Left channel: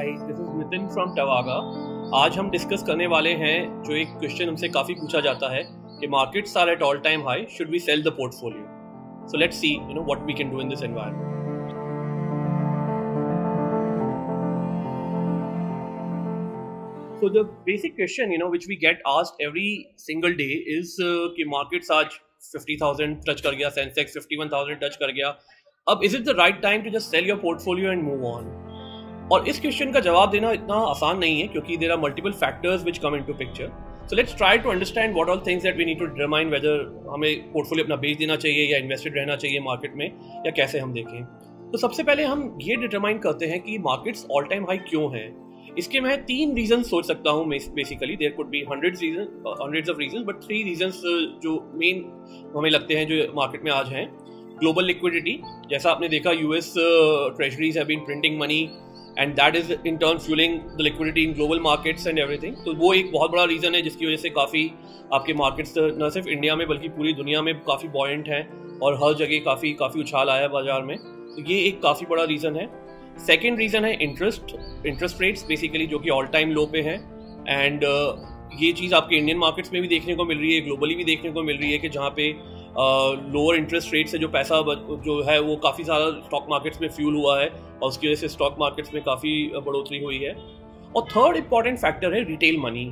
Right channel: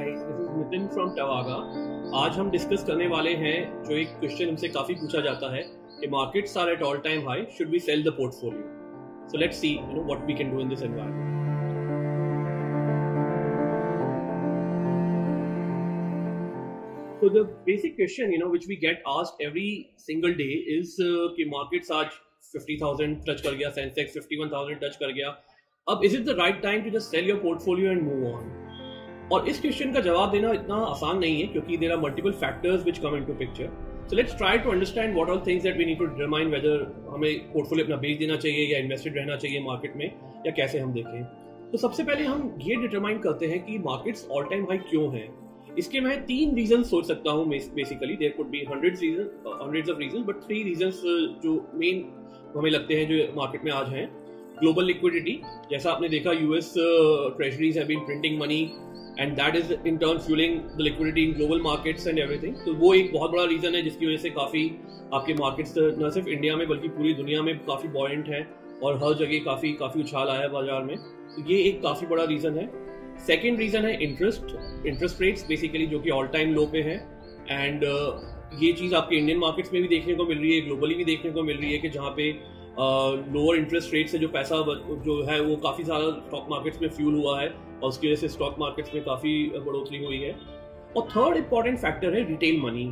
Hi, this is Nitin from Tavaga. आज हम discuss करने वाले हैं जो एक क्वेश्चन हमसे काफ़ी पूछा जाता है कि markets are at all time high, should we sell the portfolio? So let's see what we can do in this environment. So the basic question, which we get asked every single day is कि markets आज 50,000 touch कर गया, Sensex 51,000 touch कर गया, अब is it the right time to just sell your portfolio and move on? और इस question का जवाब देना इतना आसान नहीं है क्योंकि there are multiple factors which come into picture. So let's try to understand what all things that we need to determine whether हमें पोर्टफोलियो अपना बेच देना चाहिए या इन्वेस्टेड रहना चाहिए मार्केट में, या कैसे हम देखें। तो सबसे पहले हम ये डिटरमाइन करते हैं कि मार्केट्स ऑल टाइम हाई क्यों हैं। इसके मैं 3 रीजन सोच सकता हूँ basically. There could be hundreds of reason, but 3 reasons जो मेन हमें लगते हैं जो मार्केट में आज हैं। ग्लोबल लिक्विडिटी, जैसा आपने देखा US treasuries have been printing money and that is in turn fuelling the liquidity in global markets and everything. तो वो एक बहुत बड़ा रीजन है जिसकी वजह से काफ़ी आपके मार्केट्स न सिर्फ इंडिया में बल्कि पूरी दुनिया में काफ़ी बॉयंट हैं और हर जगह काफ़ी उछाल आया है बाजार में। तो ये एक काफ़ी बड़ा रीज़न है। सेकेंड रीज़न है इंटरेस्ट रेट्स बेसिकली, जो कि ऑल टाइम लो पे हैं। एंड ये चीज़ आपके इंडियन मार्केट्स में भी देखने को मिल रही है, ग्लोबली भी देखने को मिल रही है कि जहाँ पे लोअर इंटरेस्ट रेट से जो पैसा जो है वो काफ़ी ज़्यादा स्टॉक मार्केट्स में फ्यूल हुआ है और उसकी वजह से स्टॉक मार्केट्स में काफ़ी बढ़ोतरी हुई है। और थर्ड इंपॉर्टेंट फैक्टर है रिटेल मनी।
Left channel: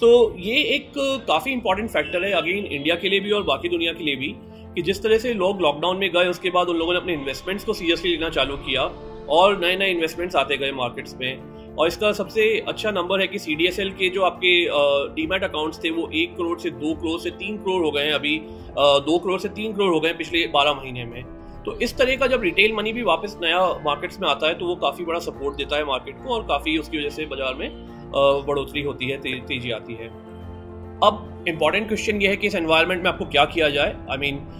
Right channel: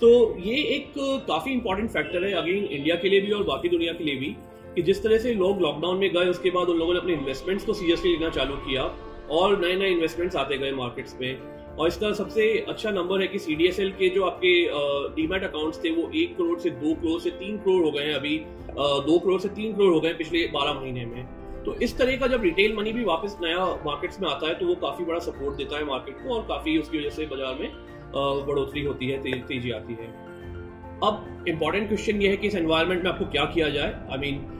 सो ये एक काफ़ी इंपॉर्टेंट फैक्टर है अगेन इंडिया के लिए भी और बाकी दुनिया के लिए भी, कि जिस तरह से लोग लॉकडाउन में गए उसके बाद उन लोगों ने अपने इन्वेस्टमेंट्स को सीरियसली लेना चालू किया और नए नए इन्वेस्टमेंट्स आते गए मार्केट्स में। और इसका सबसे अच्छा नंबर है कि CDSL के जो आपके डीमैट अकाउंट्स थे वो 1 करोड़ से 2 करोड़ से 3 करोड़ हो गए हैं अभी, 2 करोड़ से 3 करोड़ हो गए पिछले 12 महीने में। तो इस तरह का जब रिटेल मनी भी वापस नया मार्केट्स में आता है तो वो काफ़ी बड़ा सपोर्ट देता है मार्केट को और काफ़ी उसकी वजह से बाजार में बढ़ोतरी होती है, तेजी आती है। अब इम्पॉर्टेंट क्वेश्चन ये है कि इस एनवायरनमेंट में आपको क्या किया जाए।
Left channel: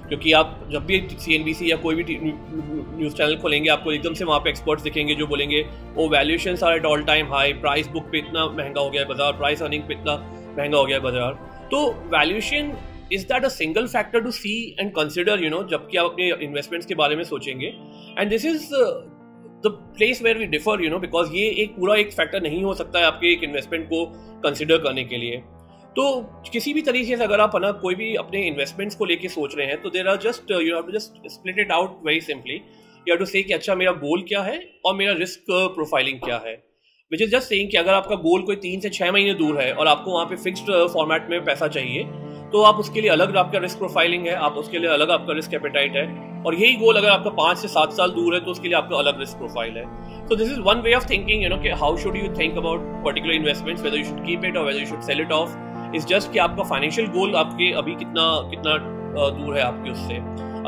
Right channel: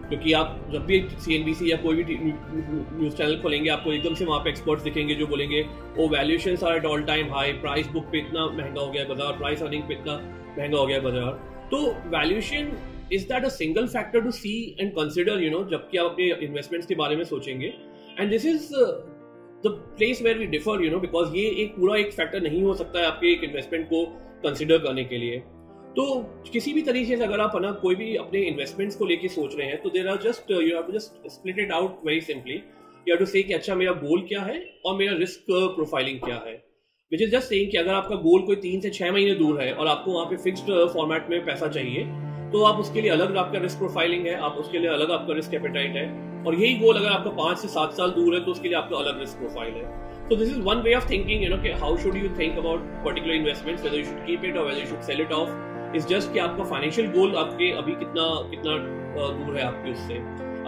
क्योंकि आप जब भी CNBC या कोई भी न्यूज़ चैनल खोलेंगे आपको एकदम से वहाँ पे एक्सपर्ट्स दिखेंगे जो बोलेंगे oh valuations are at all time high, price book पे इतना महंगा हो गया है बाजार, प्राइस अर्निंग पे इतना महंगा हो गया है बाजार। तो valuation is that a single factor to see and consider जबकि आप अपने इन्वेस्टमेंट्स के बारे में सोचेंगे। And this is the place where we differ because ये एक पूरा एक फैक्टर नहीं हो सकता है आपके एक इन्वेस्टमेंट को कंसिडर करने के लिए। तो किसी भी तरीके से अगर आप कोई भी अपने इन्वेस्टमेंट्स को लेके सोच रहे हैं तो there are just you have to just split it out very simply. You have to say कि अच्छा मेरा गोल क्या है और मेरा रिस्क प्रोफाइलिंग क्या है, विच इज जस्ट सेइंग कि अगर आपका गोल कोई 3 से 6 महीने दूर है और आपको वहाँ पे फिक्स्ड फॉर्मेट में पैसा चाहिए तो आप उसके लिए अलग आपका रिस्क प्रोफाइलिंग है, आप उसके लिए अलग आपका रिस्क एपेटाइट है। और यही गोल अगर आपका 5 से 7 साल दूर है तो उसके लिए आपका अलग रिस्क प्रोफाइल है। So this is one way of thinking, कि how should you think about particular investments, whether you should keep it or whether you should sell it off. Is just कि आपका फाइनेंशियल गोल आपके अभी कितना दूर है आपके उससे।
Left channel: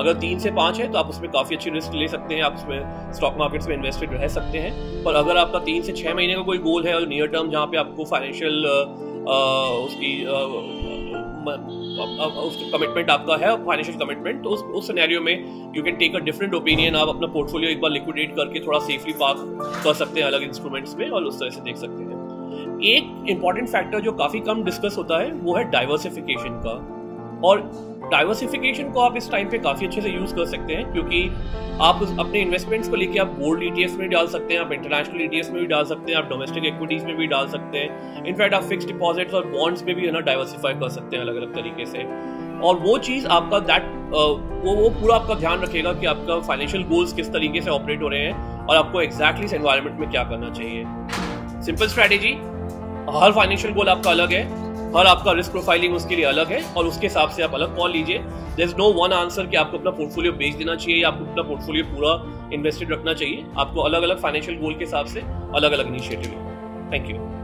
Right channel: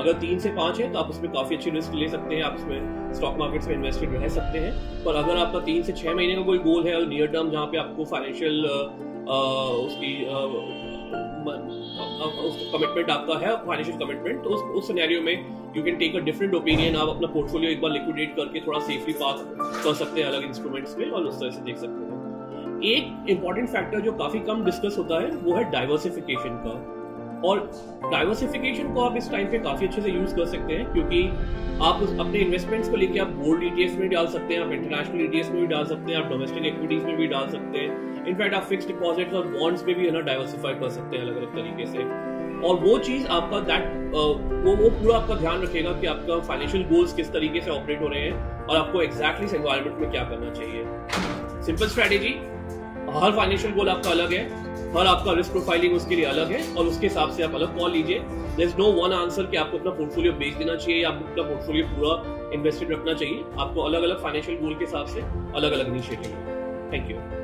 अगर 3 से 5 है तो आप उसमें काफ़ी अच्छी रिस्क ले सकते हैं, आप उसमें स्टॉक मार्केट्स में इन्वेस्टेड रह सकते हैं। पर अगर आपका 3 से 6 महीने का कोई गोल है और नियर टर्म जहाँ पे आपको फाइनेंशियल उसका कमिटमेंट आपका है, फाइनेंशियल कमिटमेंट, तो उस सिनेरियो में you can take a different opinion. आप अपना पोर्टफोलियो एक बार लिक्विडेट करके थोड़ा सेफली पार्क कर सकते हैं अलग इंस्ट्रूमेंट्स में और उस तरह से देख सकते हैं। एक इंपॉर्टेंट फैक्टर जो काफ़ी कम डिस्कस होता है वो है डाइवर्सिफिकेशन का। और डाइवर्सिफिकेशन को आप इस टाइम पे काफ़ी अच्छे से यूज़ कर सकते हैं क्योंकि आप अपने इन्वेस्टमेंट्स को लेके आप गोल्ड ETF में डाल सकते हैं, आप इंटरनेशनल ETFs में भी डाल सकते हैं, आप डोमेस्टिक इक्विटीज़ में भी डाल सकते हैं। इनफैक्ट आप फिक्स्ड डिपॉजिट्स और बॉन्ड्स में भी डाइवर्सिफाई कर सकते हैं अलग अलग तरीके से। और वो चीज़ आपका वो पूरा आपका ध्यान रखेगा कि आपका फाइनेंशियल गोल्स किस तरीके से ऑपरेट हो रहे हैं और आपको एग्जैक्टली इस एनवायरनमेंट में क्या करना चाहिए। सिंपल स्ट्रैटेजी, हर फाइनेंशियल गोल आपका अलग है, हर आपका रिस्क प्रोफाइलिंग उसके लिए अलग है और उसके हिसाब से आप अलग कॉल लीजिए। There is no one answer कि आपको अपना पोर्टफोलियो बेच देना चाहिए या आपको अपना पोर्टफोलियो पूरा इन्वेस्टेड रखना चाहिए। आपको अलग अलग फाइनेंशियल गोल के हिसाब से अलग अलग इनिशिएटिव। Thank you.